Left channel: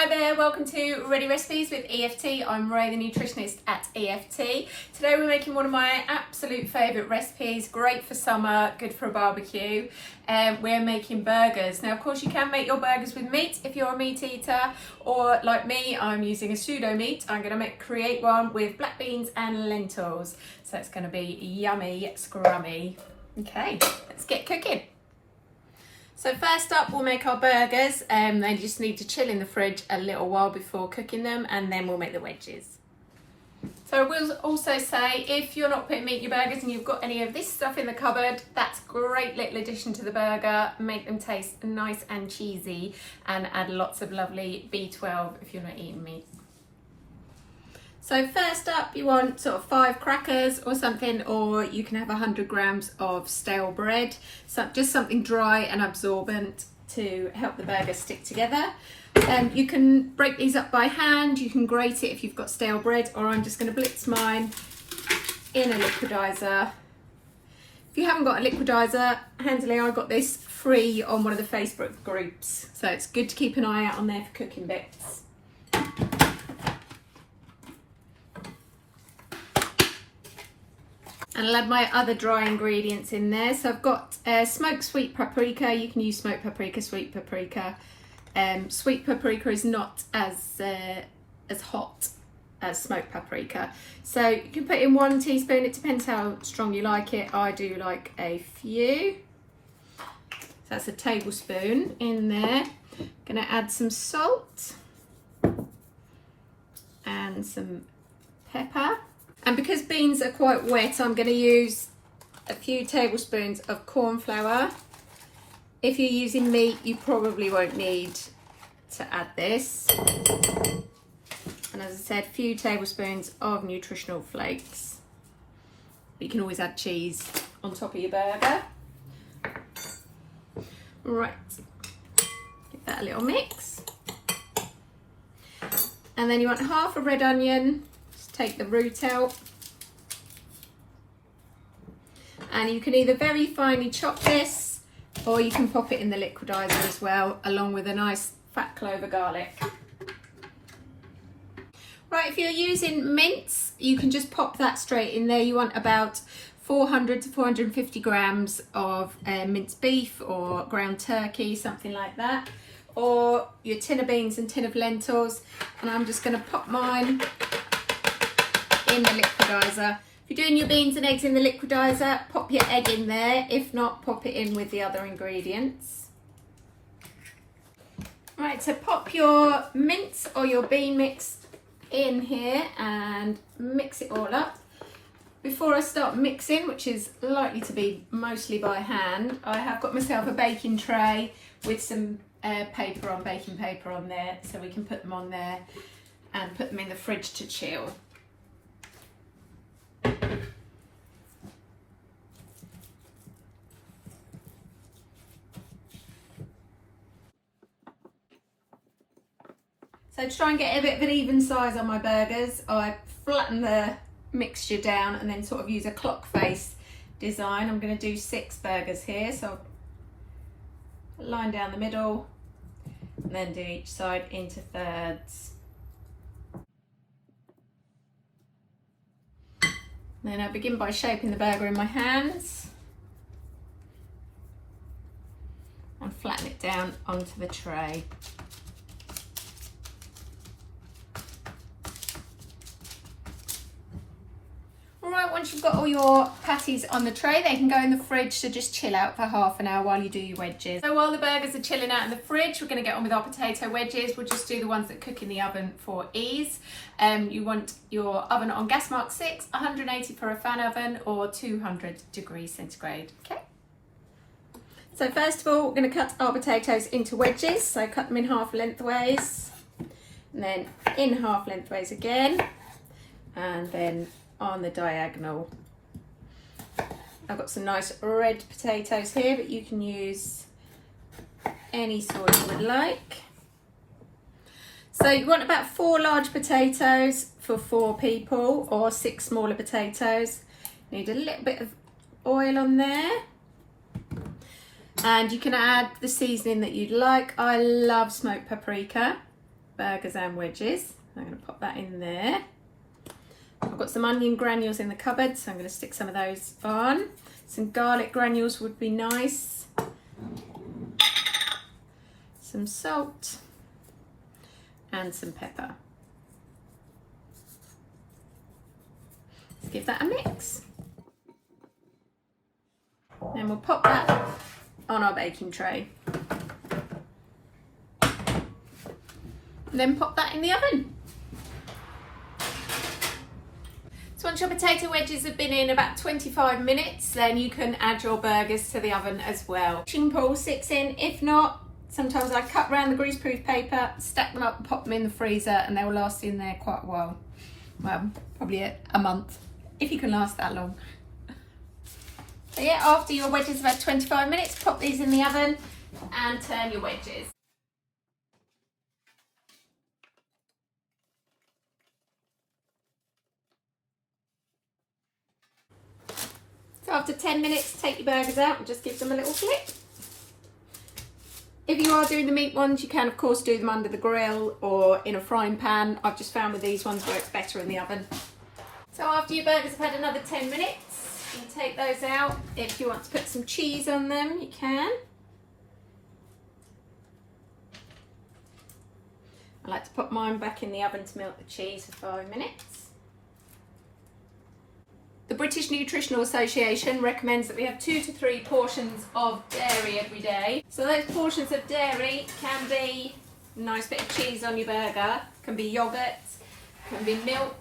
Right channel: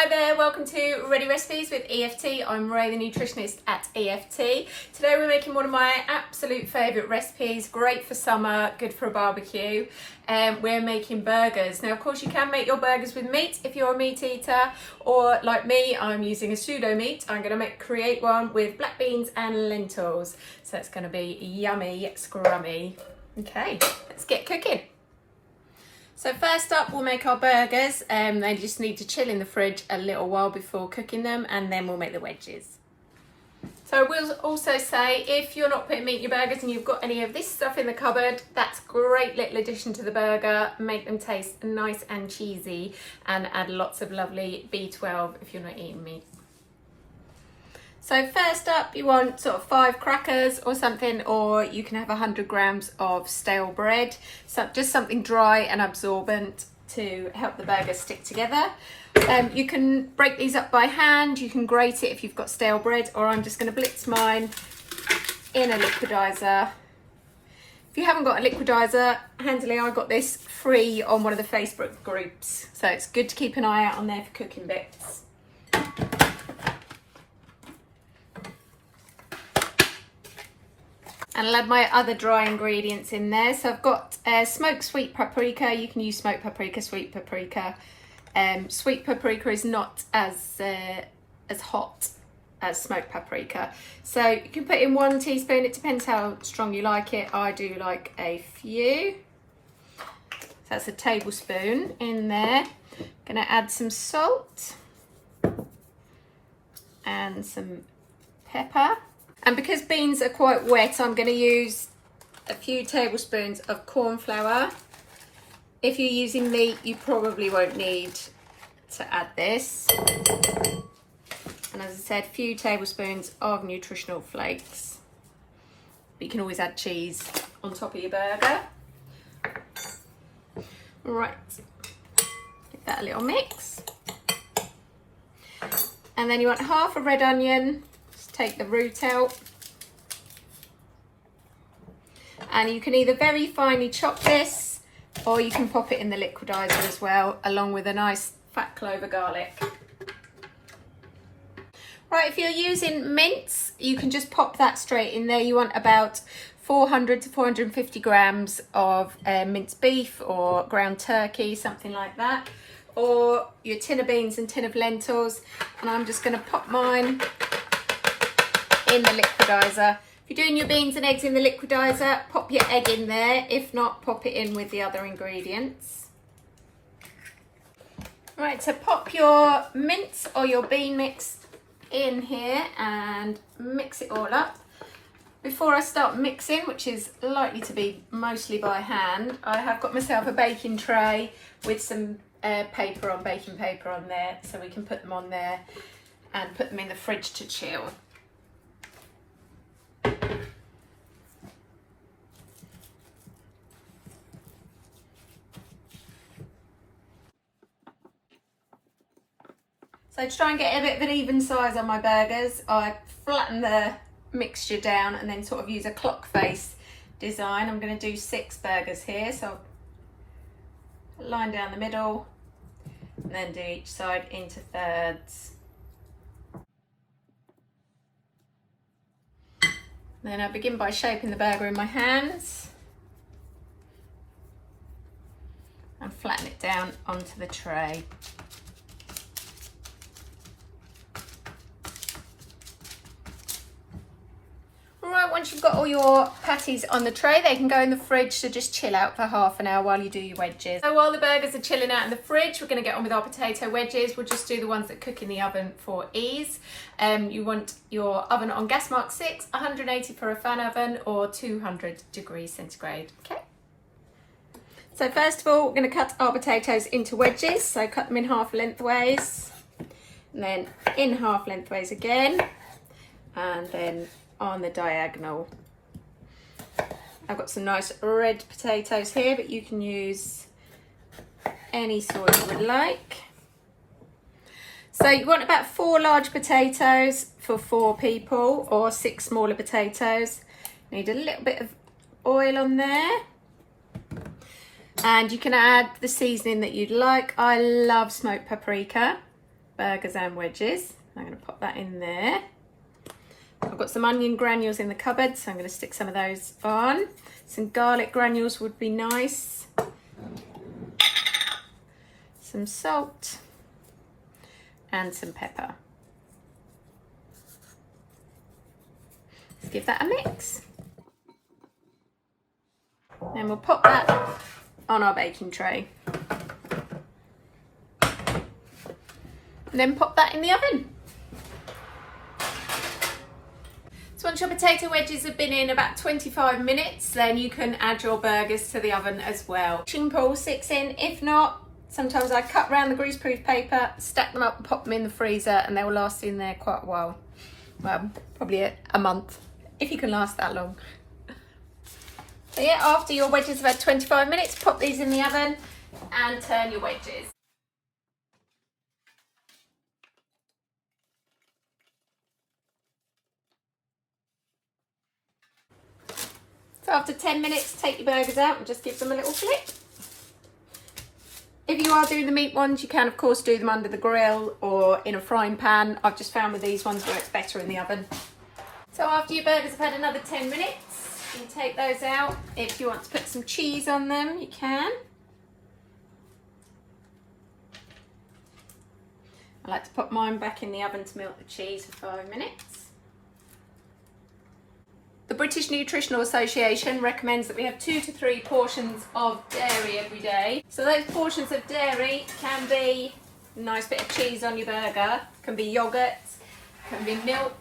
Hi there, welcome to Ready Recipes with EFT. I'm Ray, the nutritionist at EFT. Today we're making one of my absolute favourite recipes, great for summer, good for a barbecue. We're making burgers. Now of course you can make your burgers with meat if you're a meat eater, or like me, I'm using a pseudo meat. I'm going to create one with black beans and lentils. So it's going to be yummy, scrummy. Okay, let's get cooking. So first up, we'll make our burgers. They just need to chill in the fridge a little while before cooking them, and then we'll make the wedges. So I will also say, if you're not putting meat in your burgers and you've got any of this stuff in the cupboard, that's a great little addition to the burger. Make them taste nice and cheesy, and add lots of lovely B12 if you're not eating meat. So first up, you want sort of 5 crackers or something, or you can have 100 grams of stale bread. So just something dry and absorbent to help the burger stick together. You can break these up by hand, you can grate it if you've got stale bread, or I'm just going to blitz mine in a liquidizer. If you haven't got a liquidizer, handily I got this free on one of the Facebook groups. So it's good to keep an eye out on there for cooking bits. And I'll add my other dry ingredients in there. So I've got smoked sweet paprika. You can use smoked paprika, sweet paprika. Sweet paprika is not as hot as smoked paprika. So you can put in 1 teaspoon. It depends how strong you like it. I do like a few. So that's a tablespoon in there. Gonna add some salt and some pepper. And because beans are quite wet, I'm going to use a few tablespoons of corn flour. If you're using meat, you probably won't need to add this. And as I said, a few tablespoons of nutritional flakes. But you can always add cheese on top of your burger. Right, give that a little mix. And then you want half a red onion. Take the root out, and you can either very finely chop this, or you can pop it in the liquidizer as well, along with a nice fat clove of garlic. Right, if you're using mince, you can just pop that straight in there. You want about 400 to 450 grams of minced beef or ground turkey, something like that, or your tin of beans and tin of lentils. And I'm just going to pop mine in the liquidizer. If you're doing your beans and eggs in the liquidizer, pop your egg in there. If not, pop it in with the other ingredients. Right, so pop your mince or your bean mix in here and mix it all up. Before I start mixing, which is likely to be mostly by hand, I have got myself a baking tray with some baking paper on there, so we can put them on there and put them in the fridge to chill. So to try and get a bit of an even size on my burgers, I flatten the mixture down and then sort of use a clock face design. I'm going to do 6 burgers here, so I'll line down the middle and then do each side into thirds. Then I begin by shaping the burger in my hands and flatten it down onto the tray. Alright, once you've got all your patties on the tray, they can go in the fridge to just chill out for half an hour while you do your wedges. So while the burgers are chilling out in the fridge, we're going to get on with our potato wedges. We'll just do the ones that cook in the oven for ease. You want your oven on gas mark 6, 180 for a fan oven, or 200 degrees centigrade. Okay. So first of all, we're going to cut our potatoes into wedges. So cut them in half lengthways, and then in half lengthways again, and then on the diagonal. I've got some nice red potatoes here, but you can use any sort you would like. So you want about 4 large potatoes for 4 people, or 6 smaller potatoes. Need a little bit of oil on there. And you can add the seasoning that you'd like. I love smoked paprika, burgers and wedges. I'm going to pop that in there. I've got some onion granules in the cupboard, so I'm going to stick some of those on. Some garlic granules would be nice. Some salt and some pepper. Let's give that a mix. Then we'll pop that on our baking tray. And then pop that in the oven. So once your potato wedges have been in about 25 minutes, then you can add your burgers to the oven as well. You can pull 6 in. If not, sometimes I cut around the greaseproof paper, stack them up and pop them in the freezer, and they will last in there quite a while. Well, probably a month, if you can last that long. So yeah, after your wedges have had 25 minutes, pop these in the oven and turn your wedges. So after 10 minutes, take your burgers out and just give them a little flip. If you are doing the meat ones, you can of course do them under the grill or in a frying pan. I've just found with these ones works better in the oven. So after your burgers have had another 10 minutes, you can take those out. If you want to put some cheese on them, you can. I like to put mine back in the oven to melt the cheese for 5 minutes. The British Nutritional Association recommends that we have 2 to 3 portions of dairy every day. So those portions of dairy can be a nice bit of cheese on your burger, can be yoghurt, can be milk.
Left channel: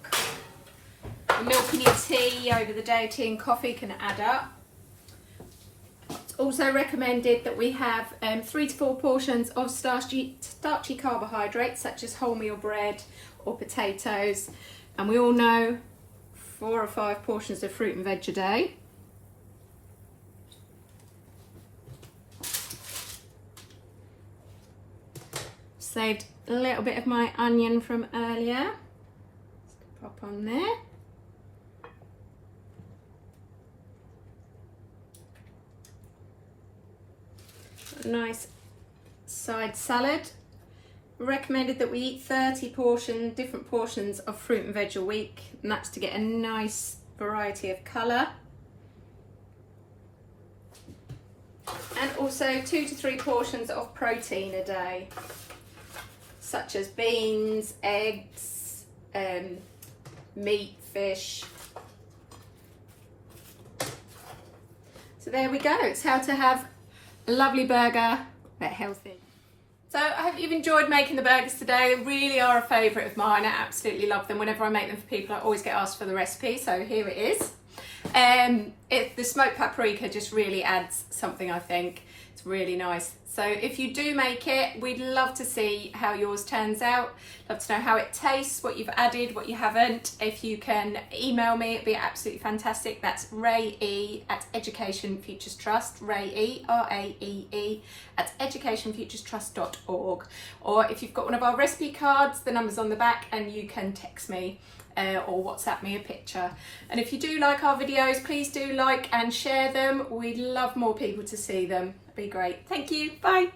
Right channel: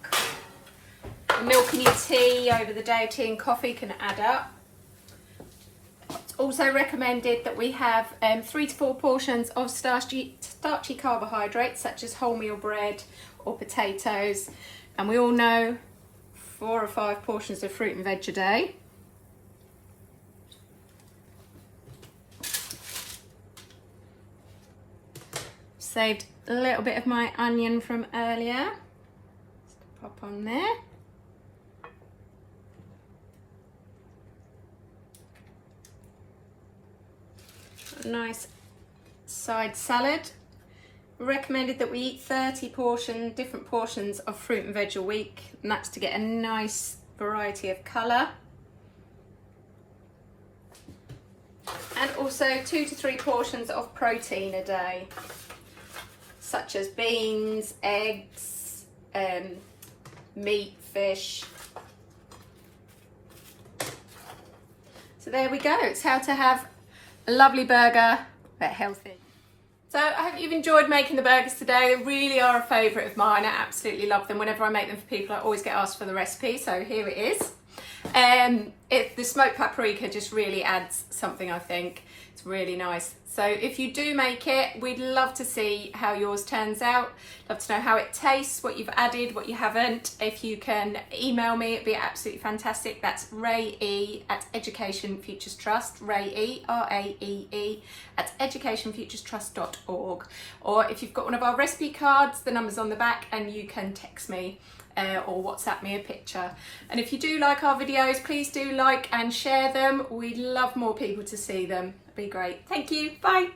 Milk in your tea over the day, tea and coffee can add up. It's also recommended that we have 3 to 4 portions of starchy carbohydrates such as wholemeal bread or potatoes. And we all know 4 or 5 portions of fruit and veg a day. Saved a little bit of my onion from earlier. Just pop on there. A nice side salad. Recommended that we eat 30 different portions of fruit and veg a week, and that's to get a nice variety of colour. And also 2 to 3 portions of protein a day, such as beans, eggs, meat, fish. So there we go, it's how to have a lovely burger but healthy. So I hope you've enjoyed making the burgers today. They really are a favourite of mine. I absolutely love them. Whenever I make them for people, I always get asked for the recipe. So here it is. The smoked paprika just really adds something, I think. It's really nice. So if you do make it, we'd love to see how yours turns out. Love to know how it tastes, what you've added, what you haven't. If you can email me, it'd be absolutely fantastic. That's Rae at Education Futures Trust, Rae, R-A-E-E, at educationfuturestrust.org. Or if you've got one of our recipe cards, the number's on the back and you can text me or WhatsApp me a picture. And if you do like our videos, please do like and share them. We'd love more people to see them. It'd be great. Thank you. Bye.